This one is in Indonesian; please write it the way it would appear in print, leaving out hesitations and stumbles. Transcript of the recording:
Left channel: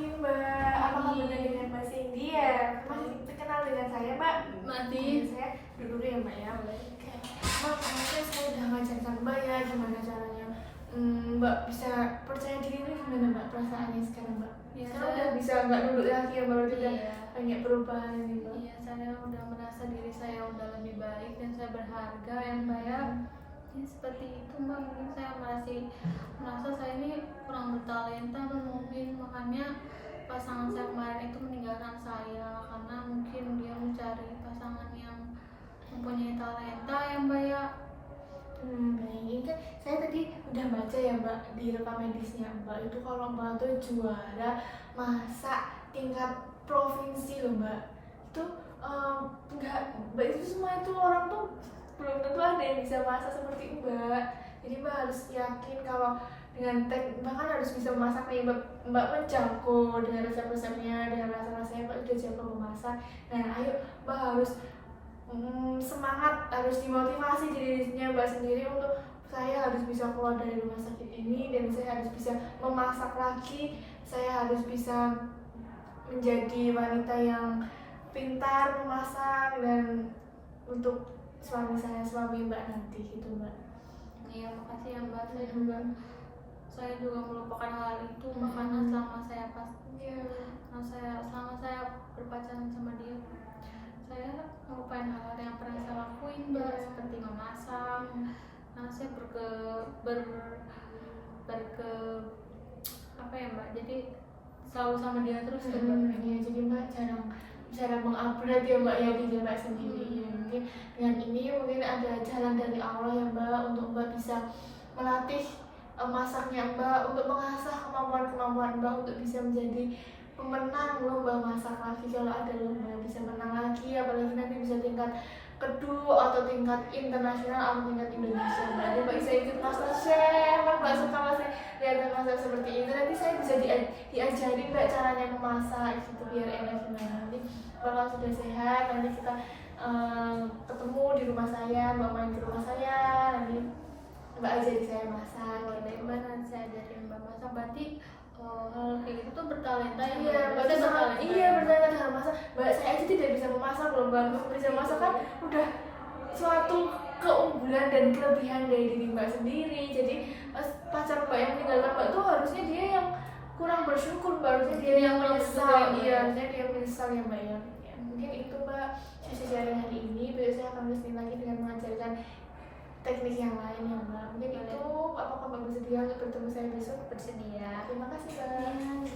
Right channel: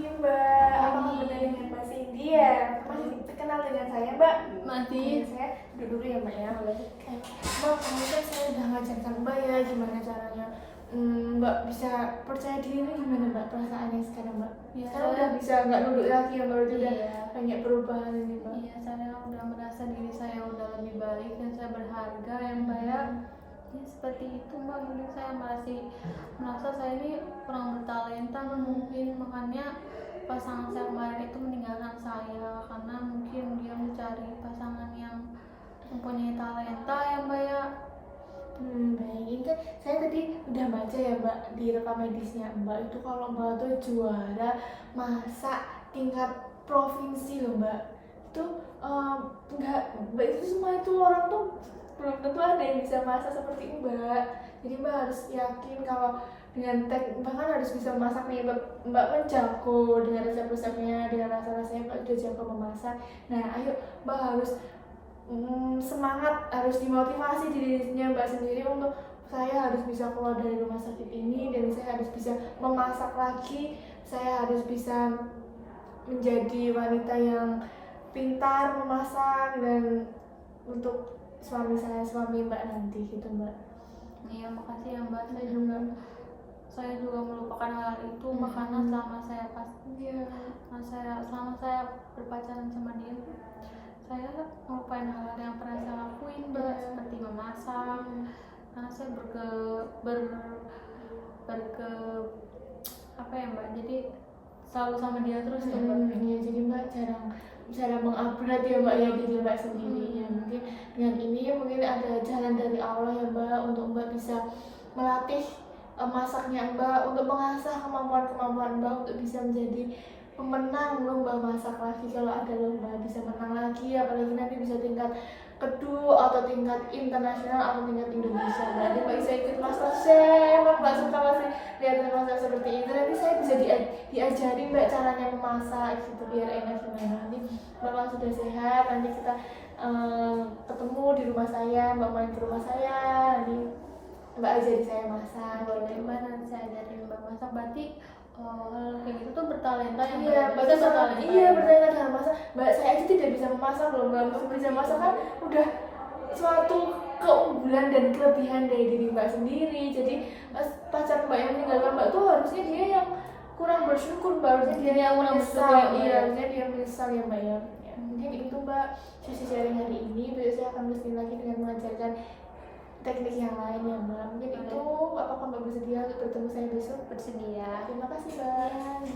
pagi Mbak. Apakah benar dengan Mbak Cindy ya? Masih terkenal dengan saya Mbak? Mati. Saya duduk dulu ya Mbak ya. Oke. Mbak, kemarin saya udah ngajarkan Mbak ya gimana caranya Mbak bisa percaya diri itu gimana Mbak perasaannya sekarang Mbak? Ya, sekarang saya udah bisa nggak nunduk lagi ya Mbak, udah Iya. banyak perubahan ini Mbak. Iya, saya udah merasa diri saya udah lebih baik dan saya berharga ya Mbak ya. Ya seperti itu Mbak, mungkin saya merasa saya ini kurang bertalenta mungkin, makanya pasangan saya kemarin itu meninggalkan saya karena mungkin dia mencari pasangan yang mempunyai talenta ya Mbak ya. Baik, ini kan saya tadi udah baca ya Mbak di rekam medisnya Mbak itu kalau Mbak tuh juara masak tingkat provinsi loh Mbak. Itu enggak Mbak, itu semua itu orang tuh belum tentu ada yang bisa masak seperti Mbak. Jadi Mbak harus yakin kalau dengan bahkan harus bisa memasak nih Mbak menjago dengan resep-resepnya, dengan rasa-rasanya Mbak udah jago memasak. Nah ayo Mbak harus semangat, harus dimotivasi dirinya Mbak sendiri untuk saya harus bisa keluar dari rumah sakit ini dan saya harus bisa memasak lagi, saya harus bisa menjadi wanita yang pintar memasak dan untuk suami Mbak nanti gitu Mbak. Iya, makasih ya Mbak. Saya juga melupakan hal itu makanya selama saya berpacaran sama dia, saya melupain hal-hal yang pernah saya lakuin Mbak, seperti memasak. Karena saya apa ya Mbak, jadi selalu sama dia terus ya Mbak. Iya, jadi Mbak jarang mengupgrade ya Mbak ya diri Mbak sendiri ya. Mungkin dengan ini mungkin ada jalan dari Allah ya Mbak untuk Mbak bisa melatih masaknya Mbak, untuk mengasah kemampuan Mbak untuk bisa menjadi pemenang lomba masak lagi. Kalau ada lomba bisa menang lagi, apalagi nanti bisa tingkat kedua atau tingkat internasional atau tingkat Indonesia Mbak. Nanti Mbak bisa ikut MasterChef, Mbak suka masih lihat masak seperti itu. Nanti saya bisa diajarin Mbak caranya memasak gitu biar enak gimana. Nanti Mbak kalau sudah sehat nanti kita ketemu di rumah saya, Mbak main ke rumah saya, nanti Mbak ajari saya masak. Boleh Mbak, nanti saya ajarin Mbak masak. Berarti kayak gitu tuh bertalenta ya Mbak? Iya, berarti bertalenta. Iya, bertalenta dengan masak. Mbak, saya aja tidak bisa memasak loh Mbak. Mbak bisa masak kan udah suatu keunggulan dan kelebihan dari diri Mbak sendiri. Jadi pacar Mbak yang meninggalkan Mbak tuh harusnya dia yang kurang bersyukur Mbak, harusnya dia yang menyesal. Iya, harusnya dia menyesal ya Mbak ya. Mungkin itu Mbak sesi sharing hari ini. Besok saya akan kesini lagi dengan mengajarkan teknik yang lain ya Mbak. Mungkin itu apakah Mbak bersedia untuk bertemu saya besok? Bersedia. Terima kasih Mbak.